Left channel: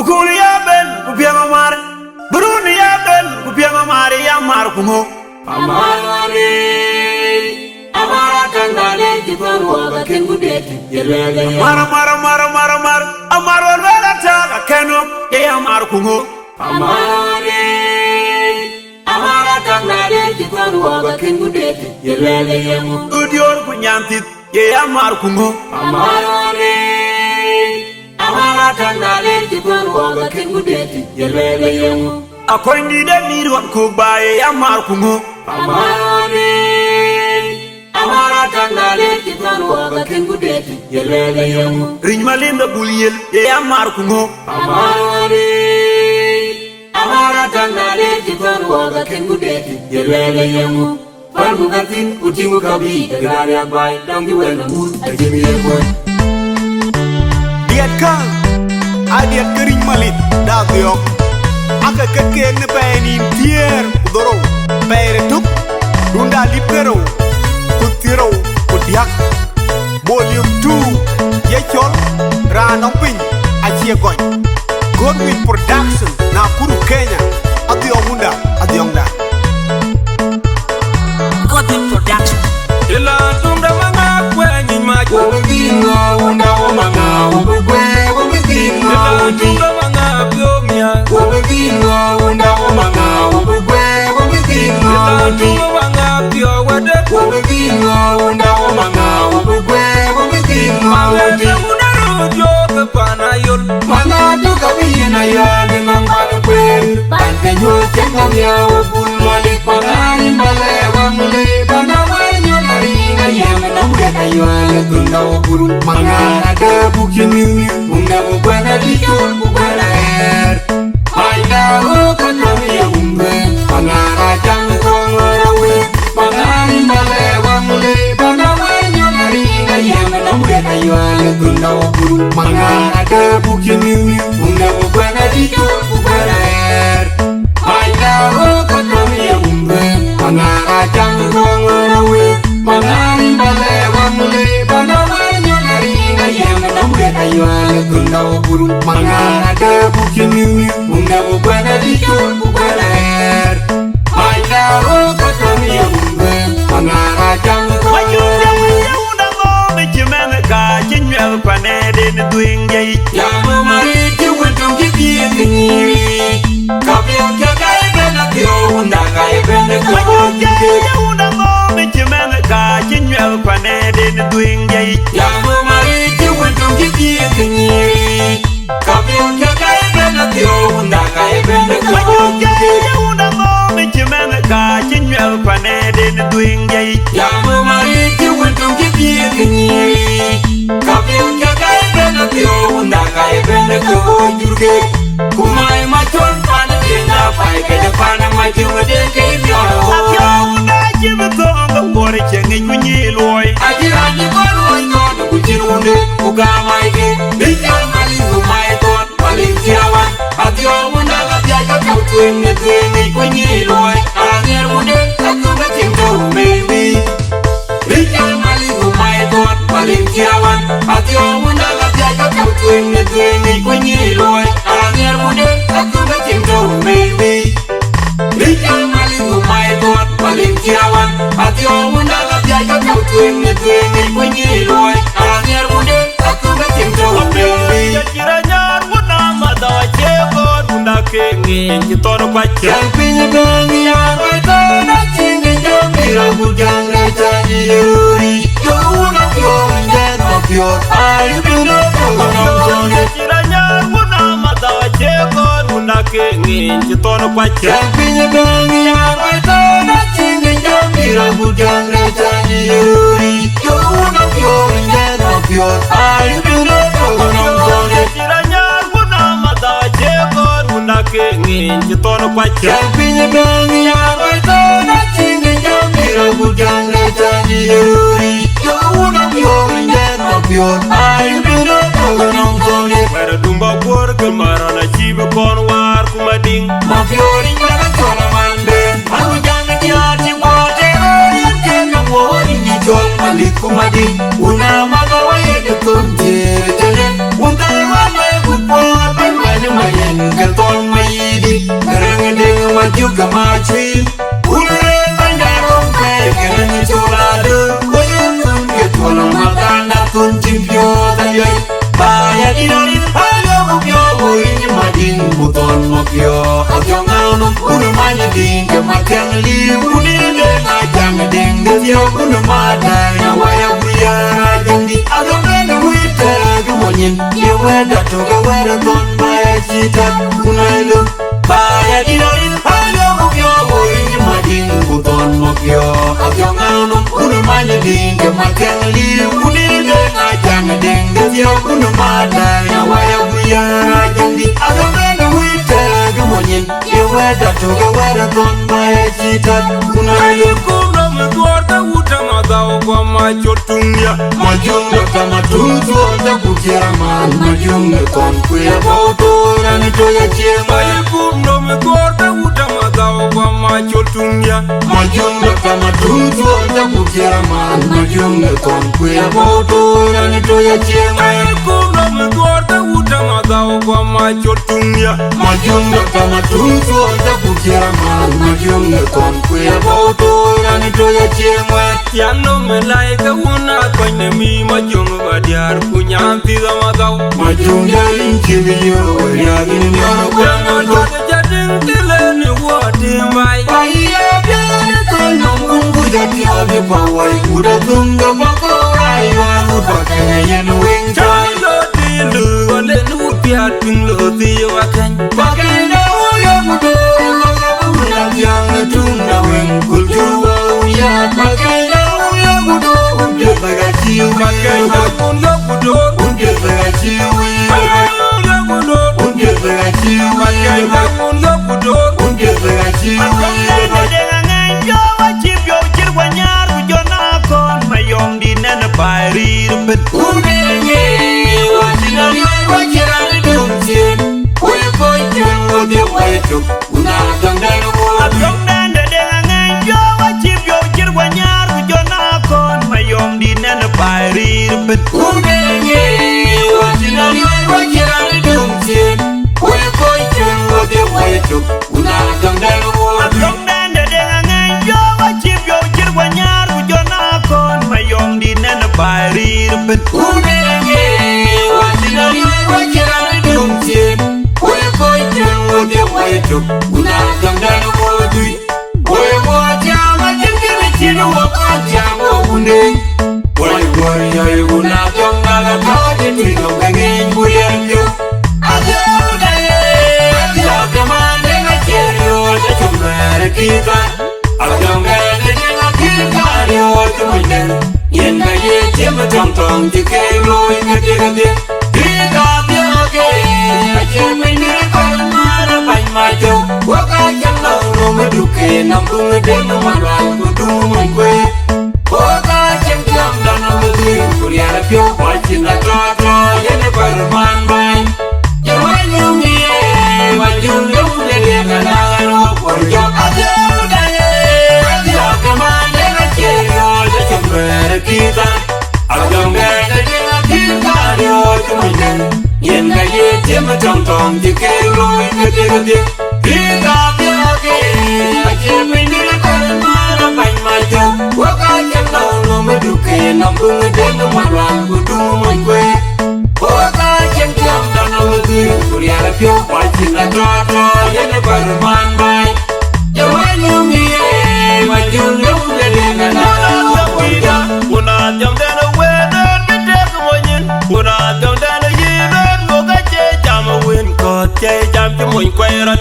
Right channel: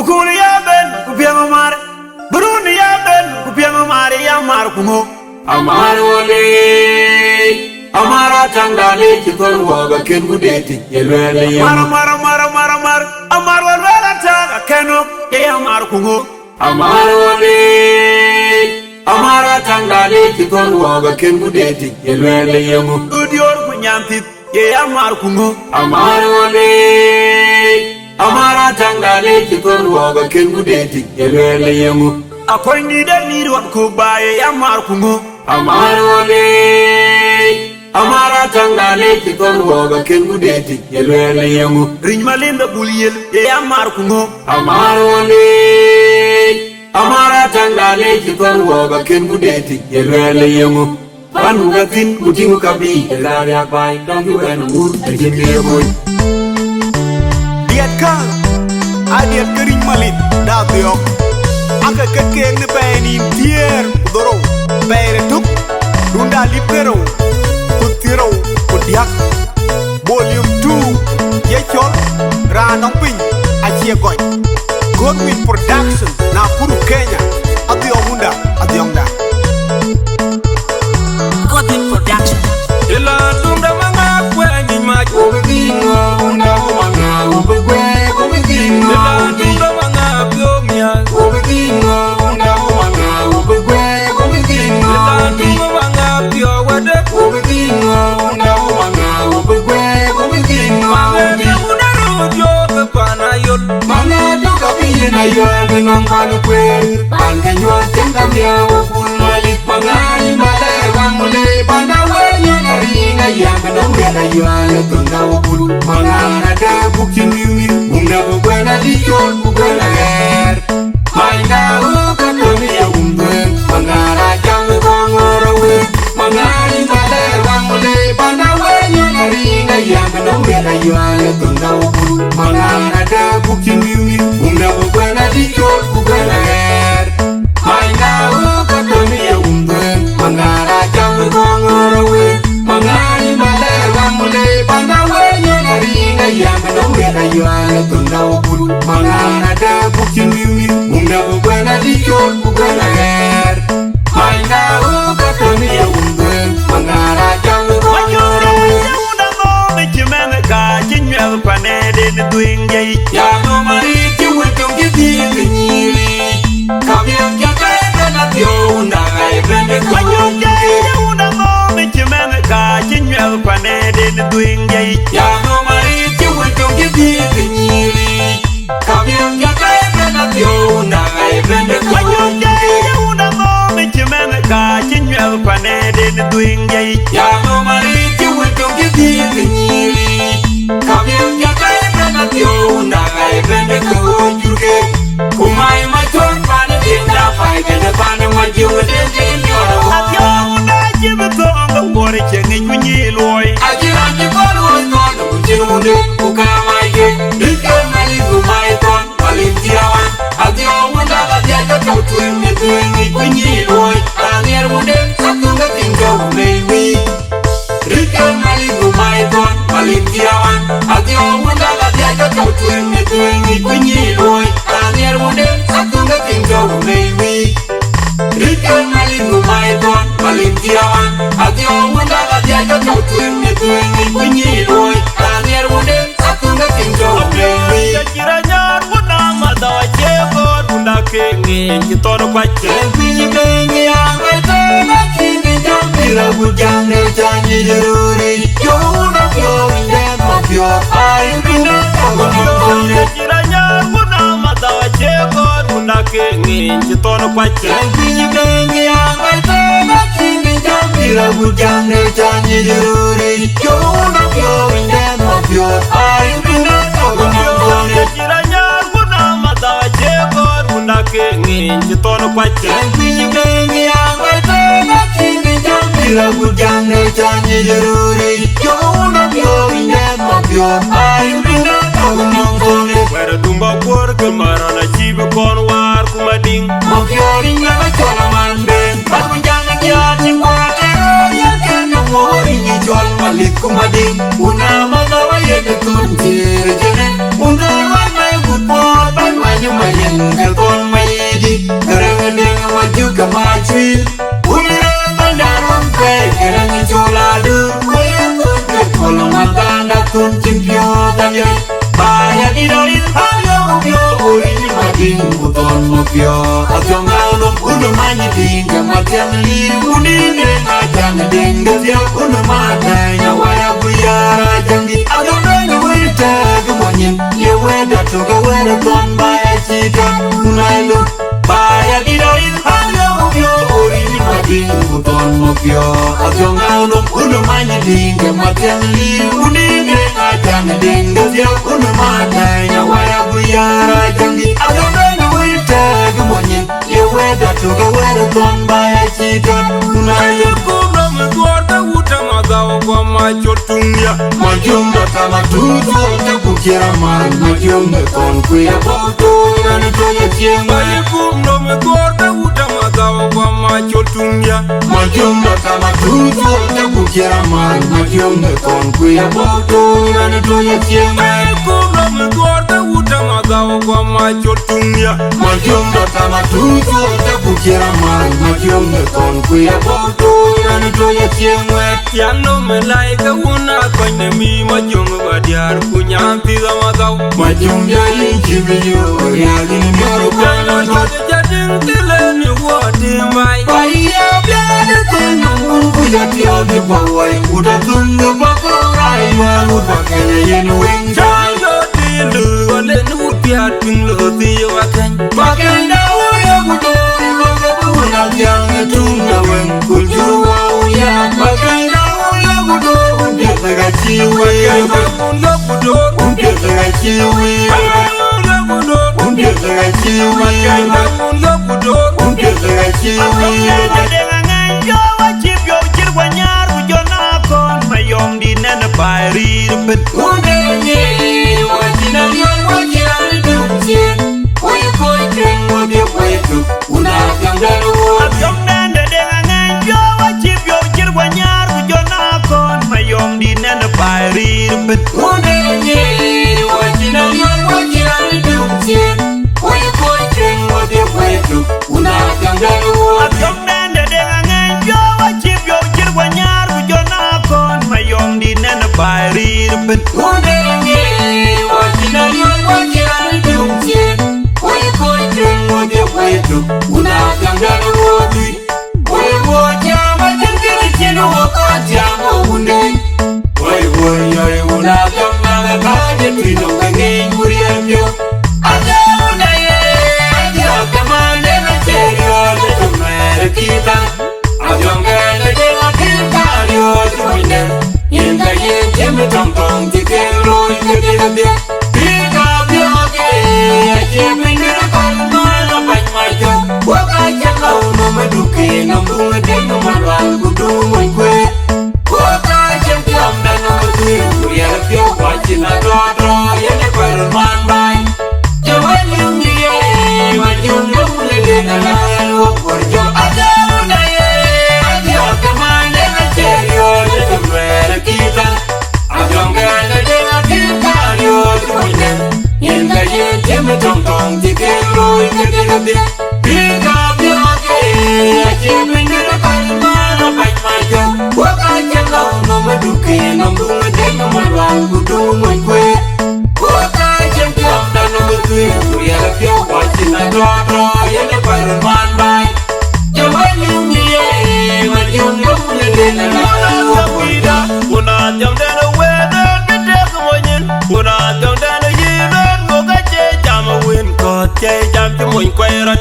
Ukuli ya ben kupiang mare Bruni ya ben kupiang mare ya mar kumo Amarole Amara tangale Kikor woga kemudeti Yelwele yo Mara Amar walwela taga kenok ya mar kumo Amarole Amara tangale Kikor woga kemudeti Yelwele yo Udior kunyantit ya mar kumo Amarole Amara tangale Kikor woga kemudeti Yelwele yo Akoy ni de mirwan kubaye ya mar kumo Amarole Amara tangale Kikor woga kemudeti Yelwele yo Riñ malinda bulyel ya mar kumo Amarole Amara tangale Kikor woga kemudeti Yelwele yo Panu ngatin kuting kabi Egada pai Nongi wenu mut Jibir ko Diat kang Adiat kering malit Datyok Aka kekeng ne painin tier Udoro Paire tuk Dunda lip kero Kutiro Kudiak Volume 2 Yechol Ranong pin Achie goy Godwin Production Nakuru Kenya Adiongunda Adiongda Godwin Production. Ila tumda manga kwenye maji Ila tumda manga biomia Ila tumda manga biowade Mange te udaru joke pana yol Doing gay, Yano mariti wuntum kiti Kapien kai bena unda kai bena Wajung gay, the una moment you man a car, Jinwell Paned doing gay. Yano mariti wuntum kiti Kapien kai bena unda kai bena Wajung gay, the una moment you man a car, Jinwell Paned doing gay. Yano mariti wuntum kiti Kapien kai bena unda kai bena kujuke Umay machon pana kila pai ke pana majude ke miora At your Jimmy on the water, Jenny, when you loy. Ajirani kon kon kujirude ukamaike Bilke mali kumayton Olintirawan Adio munda gajaja Tuingi kunyiloi Anir mude Satuga tingo maybe Bilke mali kumayton Olintirawan Adio munda gajaja Tuingi kunyiloi Anir mude Satuga tingo maybe Bilke mali kumayton Olintirawan Adio munda gajaja Tuingi kunyiloi Anir mude Satuga tingo Yachiranya, what am I? Runda King, you thought of what you you thought of what you thought of what Where a dumba work, Marana Chiba Conwar, Kumading, chotunya Majunga kama tunzo na kukera mara Majunga tonu ya boto Nani toya kienga Balikum no me gorda uta magawa kwa machotunya Majunga kama tunzo na kukera mara Majunga tonu ya boto Nani toya kienga Balikum no me gorda uta magawa kwa machotunya Majunga kama tunzo na kukera mara Majunga tonu ya boto Nani toya kienga Yano me laika una kwenye mi majunga badiar kunyampi ga magaw Majunga injimi yo Yagi ni maro Yanyo jade jading tile ni wadi mai Baya biane kono mungu ya jode pawai Uda tunga bako aywa Wapakine yenu winja Chango tilu wale nubiat ping lo tiyo wakany Bagenda moyo kutu Loka yangi tunga wen kutu Ya bagenda moyo kutu Ungeta gachiwi Bakanda unlo kudor Ungeta gachiwi Unlo kudor Ungeta gachiwi Bakanda unlo kudor Ungeta gachiwi Atongende denga ngenjo wachip yo chirwa nyar ujona kon mayong di nene bairi rupen Ungenge Wajina liya wajirani tumsien Oye koye odi wetu Unafandaro Atongende denga ngenjo wachip yo chirwa nyar ujona kon mayong di nene bairi rupen Ungenge Wajina liya wajirani tumsien Oye koye odi wetu Unafandaro Atongende denga ngenjo wachip yo chirwa nyar ujona kon mayong di nene bairi rupen Ungenge Wajina liya wajirani tumsien Oye koye odi wetu Unafandaro Oye moja wajingili chino wakocha mwunde Oye koye unatonga gatari Twino kage kuriendo Adeona Adeona kumande gacherio Natumere kita Atonga nedema kintario Tumunde Yenga yeche matangtong Tikero Ikatikande Kita bioke Achimine Kalamana Panymajo Wakache kauno maduke Nambuwe deno mabangu Tumwe Wakache kamda nambuwe Yabio wachina toto Yene paruman bay Yawai lungi Wajunga ulele Nanayo Wajo Adeona Adeona Kamande Gacherio Natumere kita Atonga Nedema kintario Tumunde Yenga yeche matangtong Tikero Ikatikande Kita bioke Achimine Kalamana Panymajo Wakache kauno maduke Nambuwe deno mabangu Tumwe Wakache kamda nambuwe Yabio wachina toto Yene paruman bay Yawai lungi Wajunga ulele Nanayo Una jam dana wedan bitek monyin Una jam dana yidan moga che jam win ko che jam ti moy kwairat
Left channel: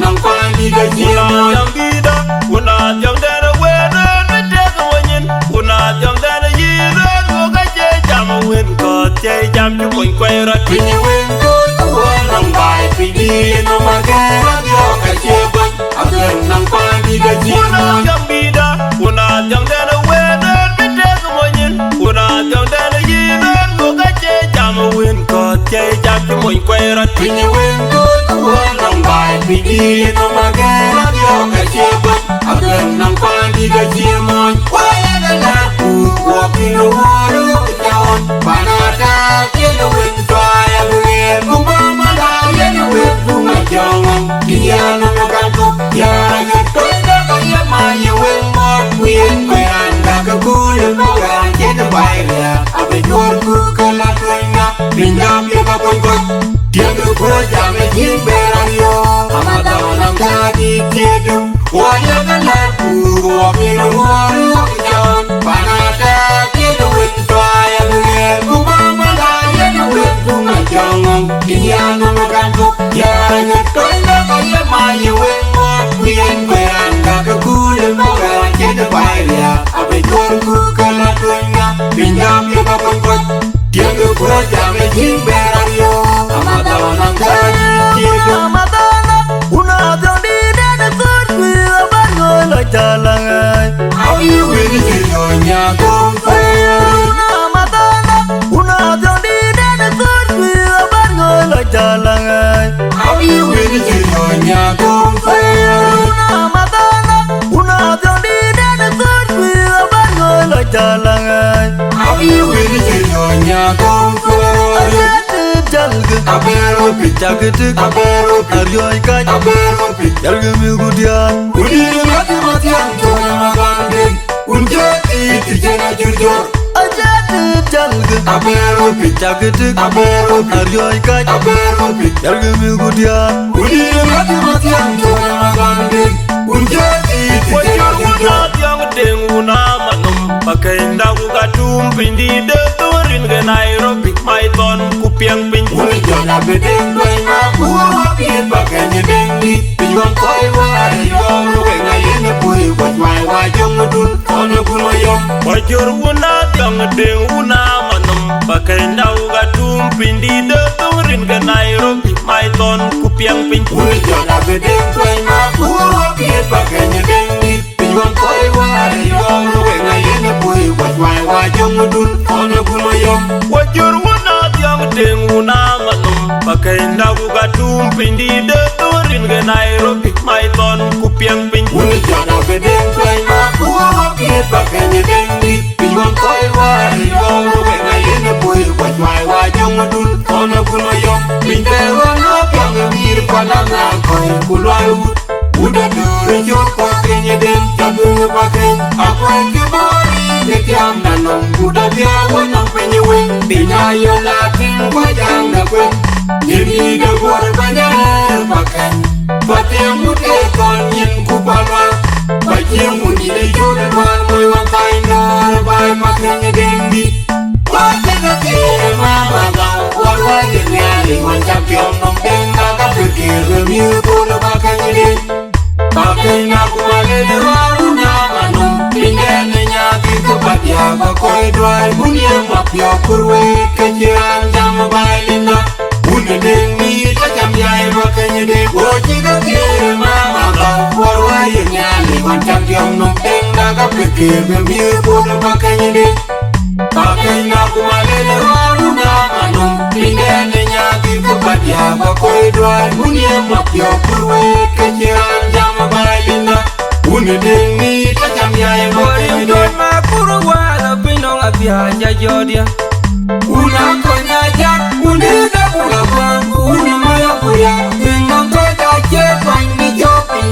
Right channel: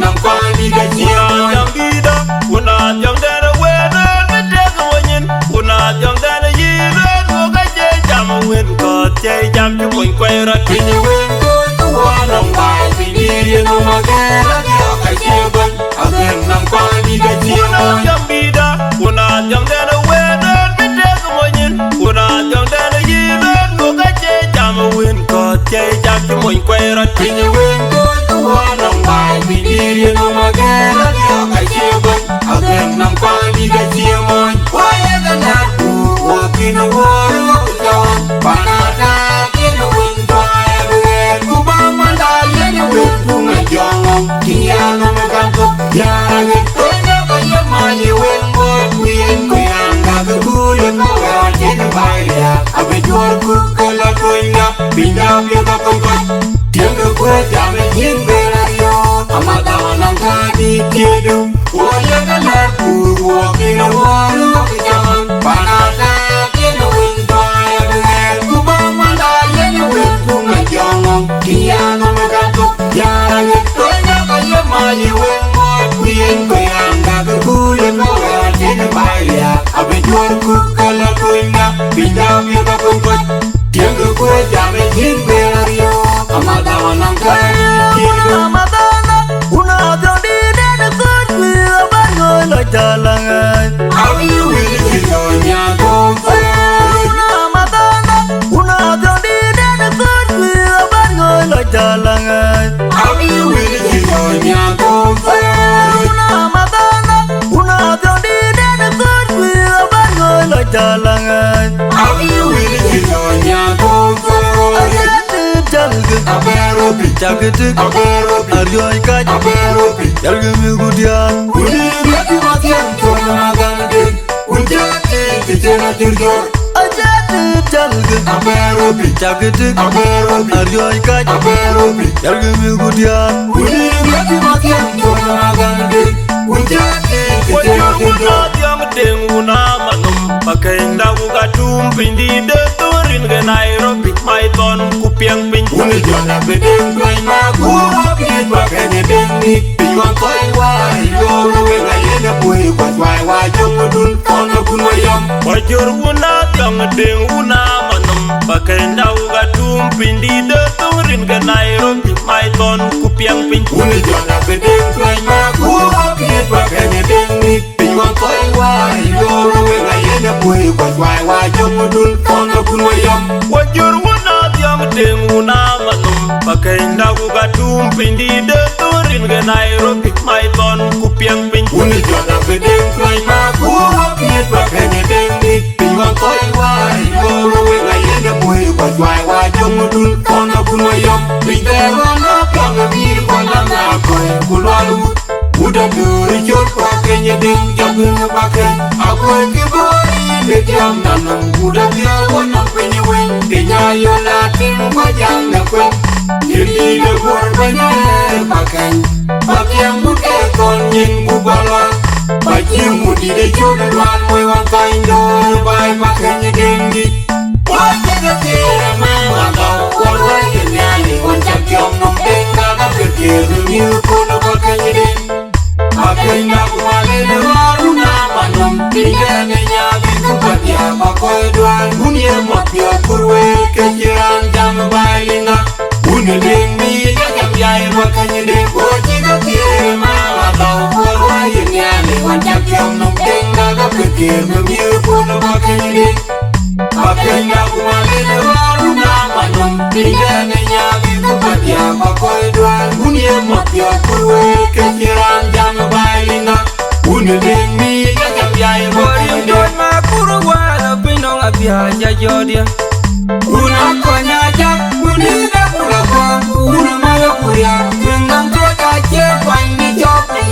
Una jam gida Una jam dana wedan bitek monyin Una jam dana yidan moga che jam win ko che jam ti moy kwairat Una jam gida Una jam dana wedan bitek monyin Una jam dana yidan moga che jam win ko che jam ti moy kwairat Yeah. Chakitik Aryo ikaj Yalgimi gudian Ajati jalga Chakitik Aryo ikaj Yalgimi gudian Wajur wuna tiang deng wuna manum Pakai ndaku katum pindi de turin ke Nairobi Maiton kupiang pin Wajur wuna tiang deng wuna manum Pakai ndaku katum pindi de turin ke Nairobi Maiton kupiang pin Wajur wuna tiang deng wuna manum Pakai ndaku katum pindi de turin ke Nairobi Maiton kupiang pin Jodia una konyaja unina kulabwa una mayakuya menang tokaje manja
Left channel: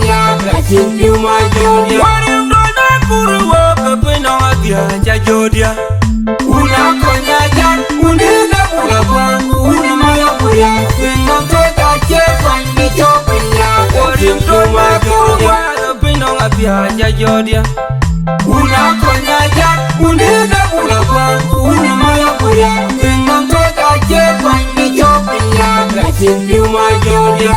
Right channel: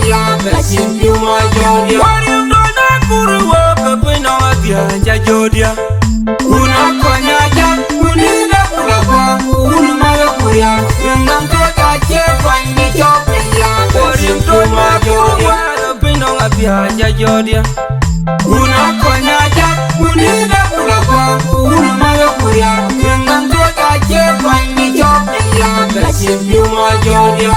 ya gasin yuma jodia warim dona kurwa kapena abia jodia una konyaja unina kulabwa una mayakuya menang tokaje manja ya warim dona kurwa kapena abia jodia una konyaja unina kulabwa una mayakuya menang tokaje manja ya gasin yuma jodia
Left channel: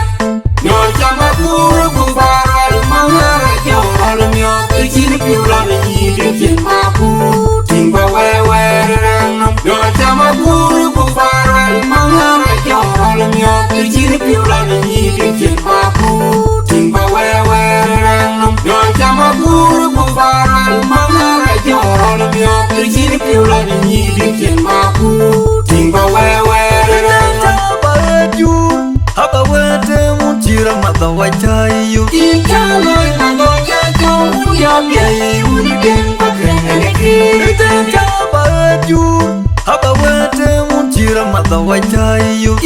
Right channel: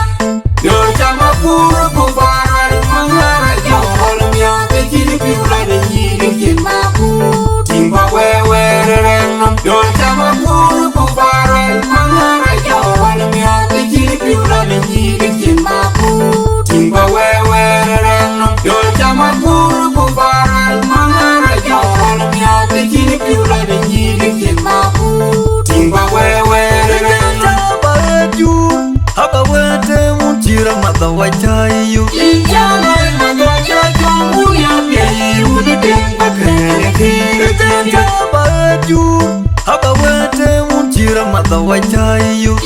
yo chama kuru kufarar mawara ya holmyo ikini kulana yiri maku tingwa wewe rerenu yo chama kuru kufarar mawara ya holmyo ikini kulana yiri maku tingwa wewe rerenu yo chama kuru kufarar mawara ya holmyo ikini kulana yiri maku tingwa wewe rerenu haba wete mutira madawachayu haba wete mutira madawachayu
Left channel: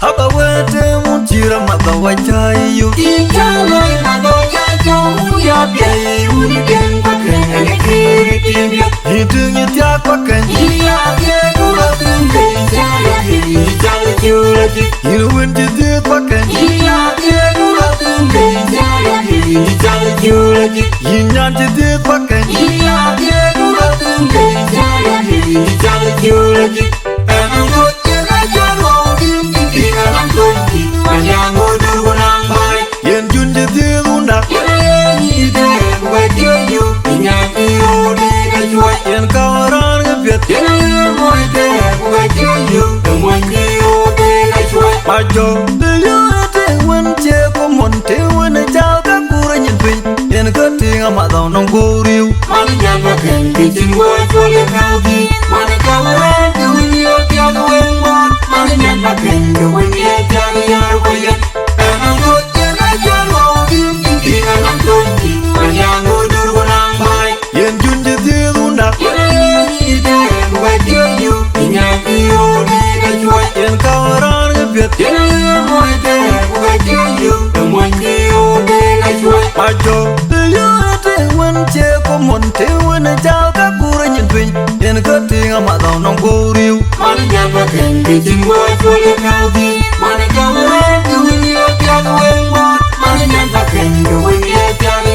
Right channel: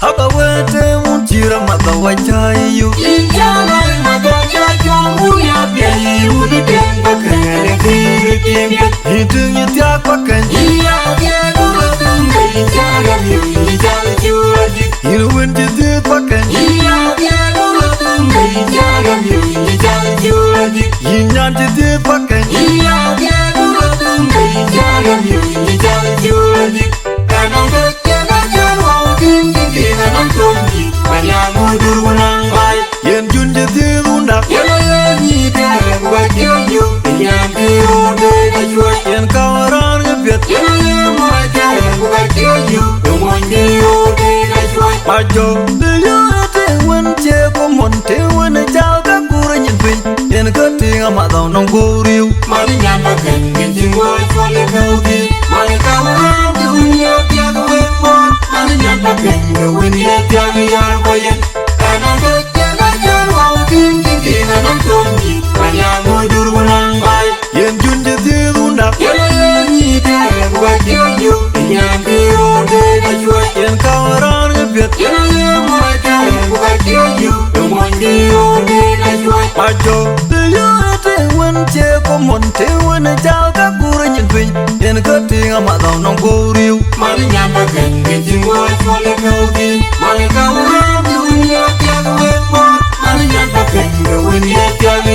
haba wete mutira madawachayu Hitung you tiak pakan You win to do pakan You nyan to do pakan Yen jun to do undak Yen kawaran ngebiat Majo Deyo ete wen che komon te wen jao ka kura nyinpin Yen katinga matau nong kuriu Mani nyan bakan Gicin wajole kauji Mani kawaran kemio tiaga wen wan Mani nyan bakan Gwen dia tiaga yar boyan Anon rote kacor wawin Gigi anon konji Kanya ngudur menang mai Yen jun jeti rundak có một thế quân trao các cú ra nhận phình yên cất tiếng mà giàu nông cô riu mà nó nhàn và cảnh đi chim qua cho lên cao đi mà nó cao lắm như nhớ trang quên qua mà nó nhàn và cảnh rồi đi trang đi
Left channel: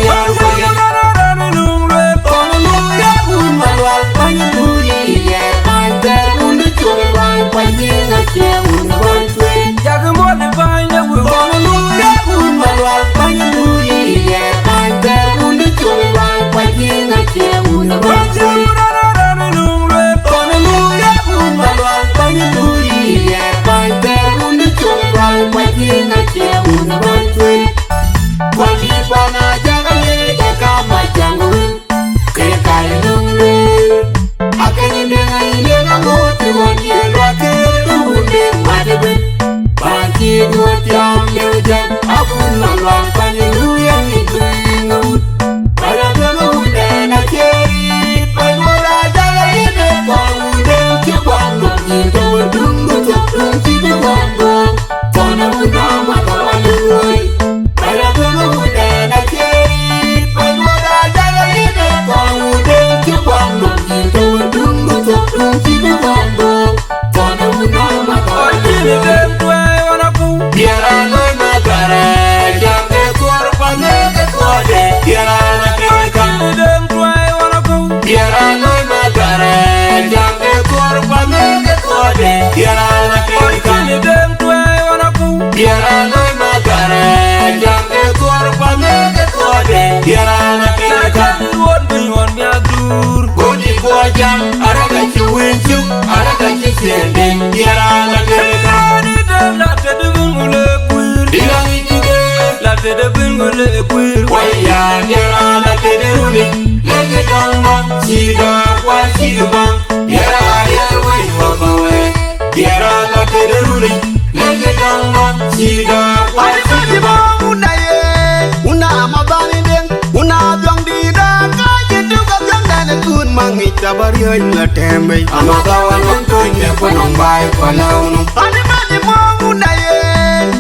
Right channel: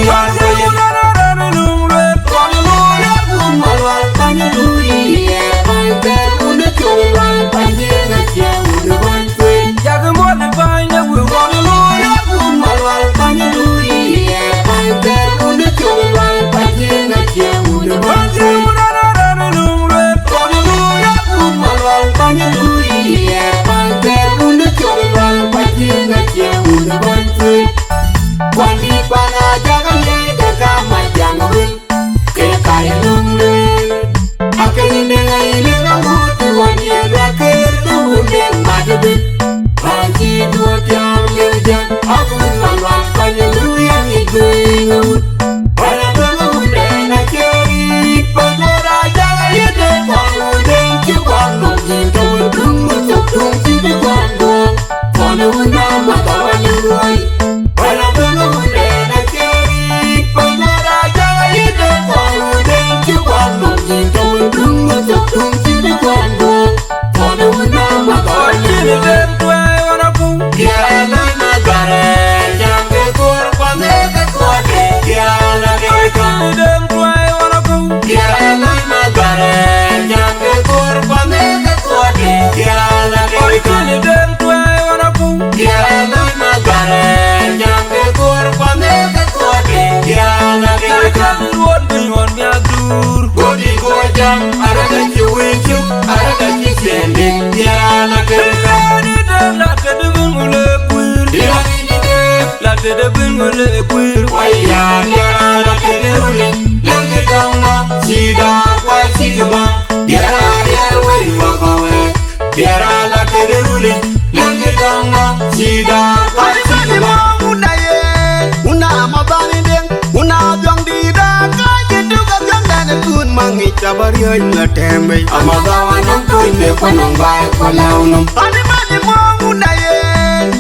Jabari la tembe amaza wanong koinde konong bai kwalaunong animani mongu naye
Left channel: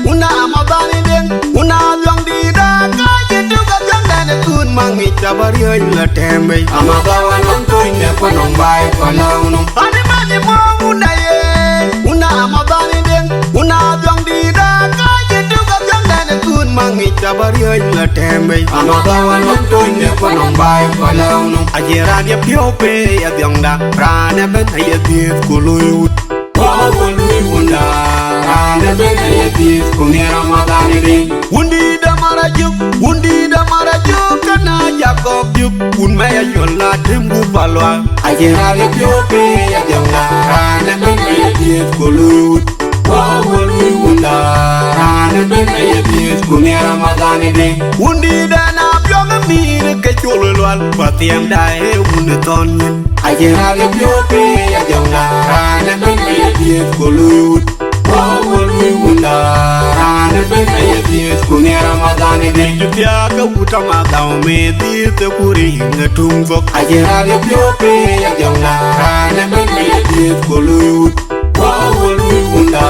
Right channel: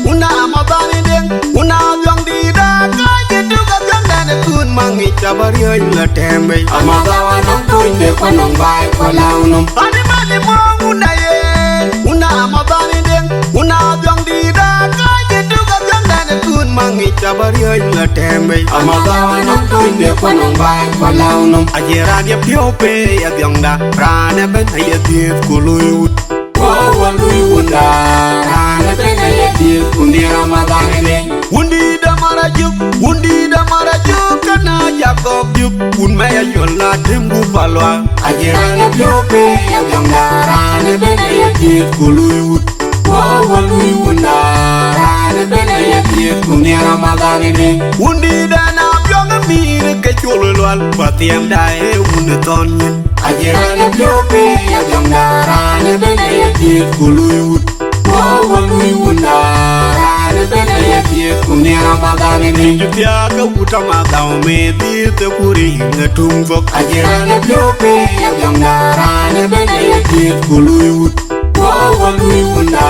una amabani deng una byong dida kaje duga byong dane kun mangi jabari la tembe amaza wanong koinde konong bai kwalaunong animani mongu naye una amabani deng una byong dida kaje duga byong dane kun mangi jabari la tembe amaza wanong koinde konong bai kwalaunong ajera dia piope ya byongda rane ben ya diet kuluyut wanda rane ben ya diet kunera madangene Undi da marajuk kana Jacob juk un maya yola tembu palwa ajera dia piope ya byongda rane ben ya diet kuluyut wanda rane ben ya diet kunera madangene Undi da na byonga mire ke cholwal patiam dae un tonyin ajera dia piope ya byongda rane ben ya diet kuluyut wanda rane ben ya diet kunera madangene Jupia ka uta madao me dirte kuri ngatum fok ajera dia piope ya byongda rane ben ya diet kuluyut wanda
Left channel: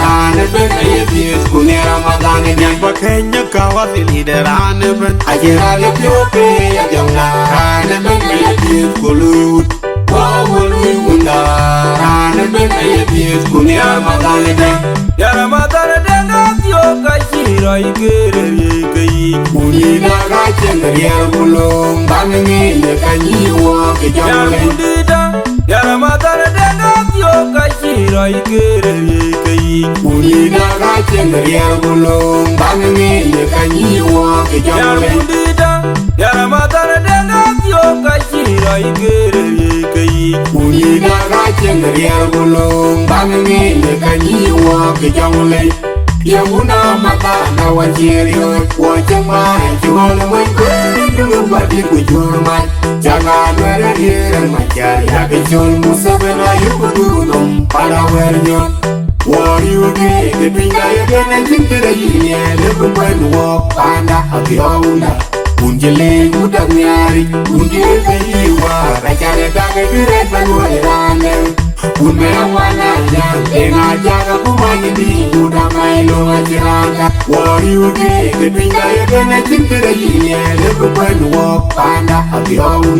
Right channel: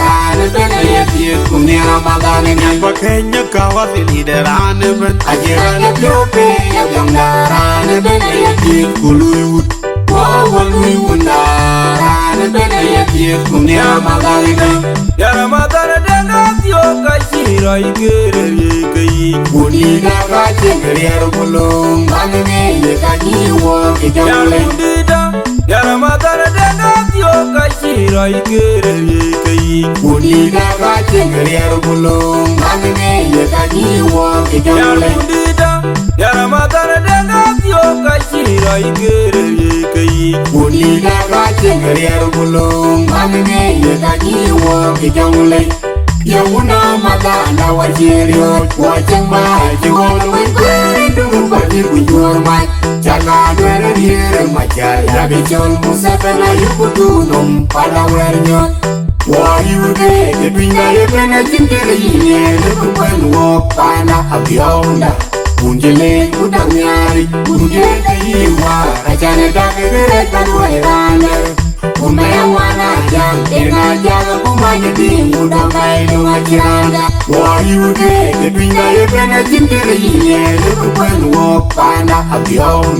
rane ben ya diet kunera madangene Nyamba kenya kawasi liderane ben ajera dia piope ya byongda rane ben ya diet kuluyut wanda rane ben ya diet kunera madangene Yara matara denga tio kashiro igere yekai Kudina gachengeri kulong dangene yekanyiwa Yar bundida Yara matara denga tio kashiro igere yekai Kudina gachengeri kulong dangene yekanyiwa Yar bundida Yara matara denga tio kashiro igere yekai Kudina gachengeri kulong dangene yekanyiwa Jamulay Yamuna matara nawajiriyo Wajuma Jigolo Wajuma Wajuma Jaga Dwere Here Majari Labijon Musabala Yukutulum Palawarjo Wayuke Pinga Yukena Zinkere Yie Lukuman Wapana Abiyonda Unjile Udamiari Unjile Kayiwa Rajala Daga Dwere Kalwarelane Unmena Wana Jan Ena Jaga Kumagini Unamailo Majala Wayuke Pinga Yukena Zinkere Yie Lukuman Wapana Abiyonda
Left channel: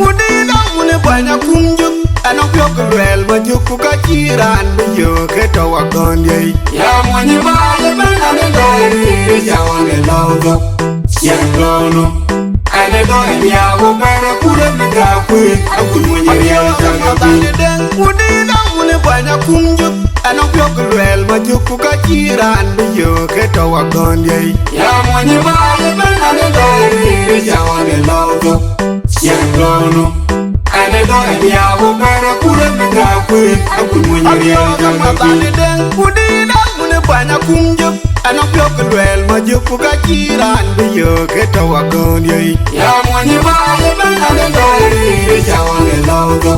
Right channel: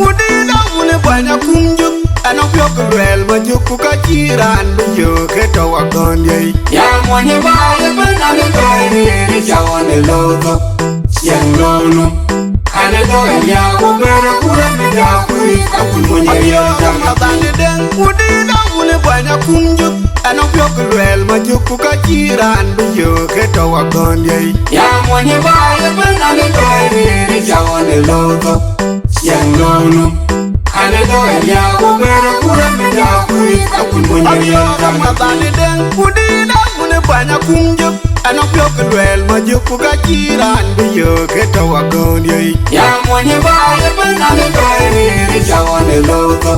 Udina une banya kumjuk Anong piyok lwel majuk kukachiran Biyo keto wagondi Ya mwenye baye banane doere ya ole loto yang lono ane doere ya umare kure ya kure akunywenye Abiyo kamatane den Udina une banya kumjuk Anong piyok lwel majuk kukachiran Biyo keto wagondi ya mwenye baye banane doere ya ole loto yang lono ane doere ya umare kure ya kure akunywenye Abiyo kamatane den Udina une banya kumjuk Anong piyok lwel majuk kukachiran Biyo keto wagondi ya mwenye baye banane doere ya ole loto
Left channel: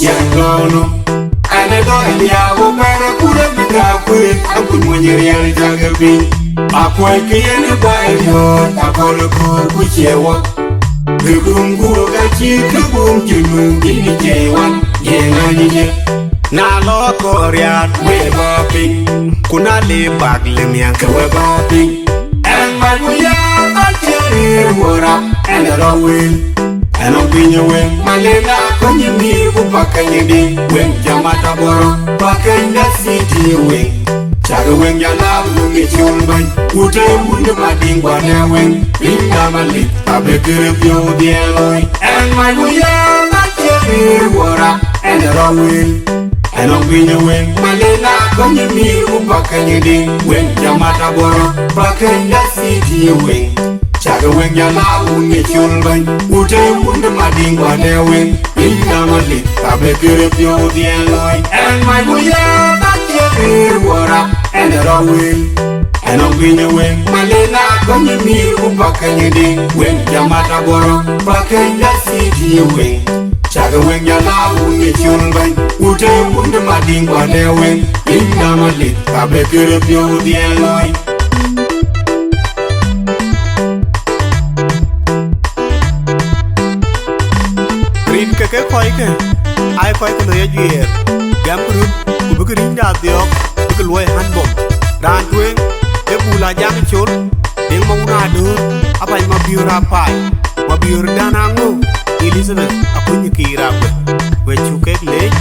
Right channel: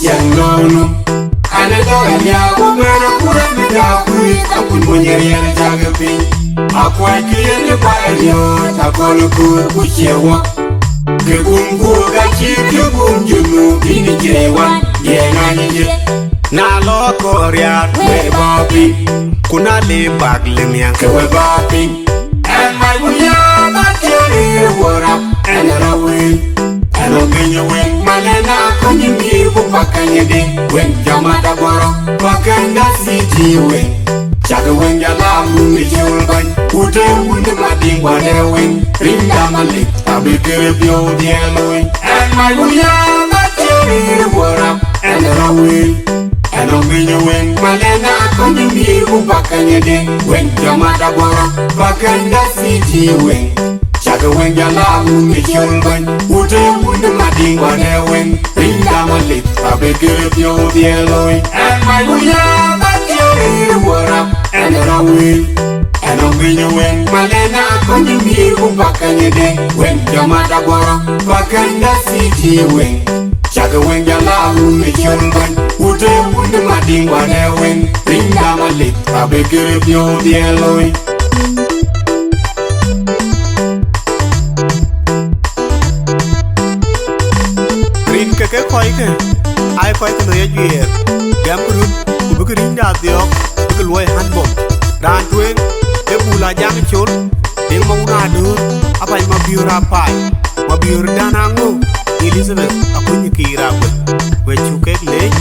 yang lono ane doere ya umare kure ya kure akunywenye riele jangepi akoy kiyene bayo akol ku chewa ke kungu gachi ke kunjunu bini jewan ye nganye Na lo koryar we babi Kuna le bagle miyanke we babi and I will akere wora and rawe ano binyo we malena konyi ko pakanye we jamata boro pakanya siti we Chaga wen ya la bumi shulban Ute unde badingwa dewe Rinda malit abekere pyo dieloi And my wuya nakere wora And rawe And I'm winning wen Malena konyi mil kupakanye ding Wen jamata boro Pakanya siti wen Chaga wen ya la bumi shulban Ute unde badingwa dewe Rinda malit abekere pyo dieloi And my wuya nakere wora and away and I'm winning when Malena konyi mil kupakanye ding when jamata boro pakanya siti wing chaga wen jala abumbi cholban ute mundu madingwa de wing ringa malit abekere pyo dieloi Rin keke koi ke Ai koi ke loya juer Gam kurun Kubuk rin da diok Buk loy hanbom Dan tueng E bula jang chol Deng mauna dur Apa ma biura pai Ma biur danango Elizabeth Aku nyikira kwe We chukek lej